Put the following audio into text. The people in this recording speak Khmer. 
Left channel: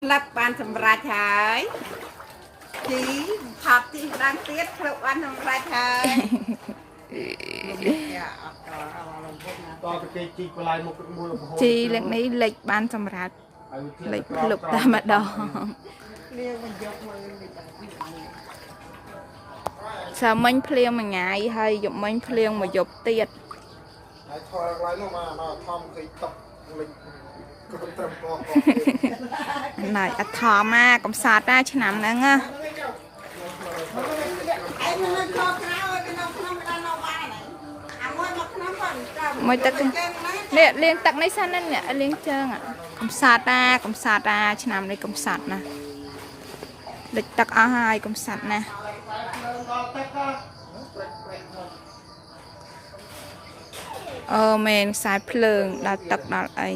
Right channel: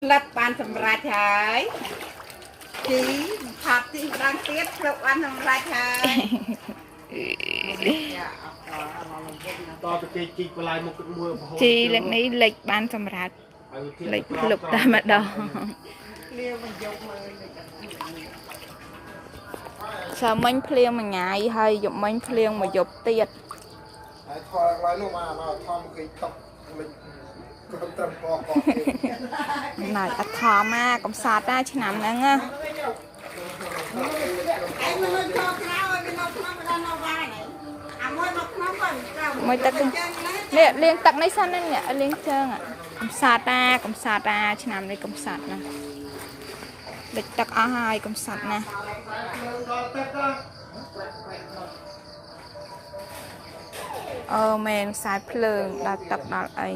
lập ban sầm rạch hái chí hạt thì đang tiếp lập ban sầm rạch hái ជីលើកនេះលេខបានសម្រាប់លេខភ្លុកតែម្ដងសាមិញភ្លៀងមួយថ្ងៃហើយយប់មិញភ្លៀងមួយយប់ទៀតហើយខលឡើយនោះមកធំគេតបលេខគ្រប់ត្រឹមកណៃអត់ធំមកកំសាតណាឆ្នាំហ្នឹងណាមួយទឹកនេះលៀងទឹកនេះសិនហ្នឹងលៀងជើងកំសាតតាឆ្នាំនេះកំសាតណាលិចទឹកអស់ហើយកំសាតណាមែនខ្សែភ្លើងដល់ទឹកដល់អី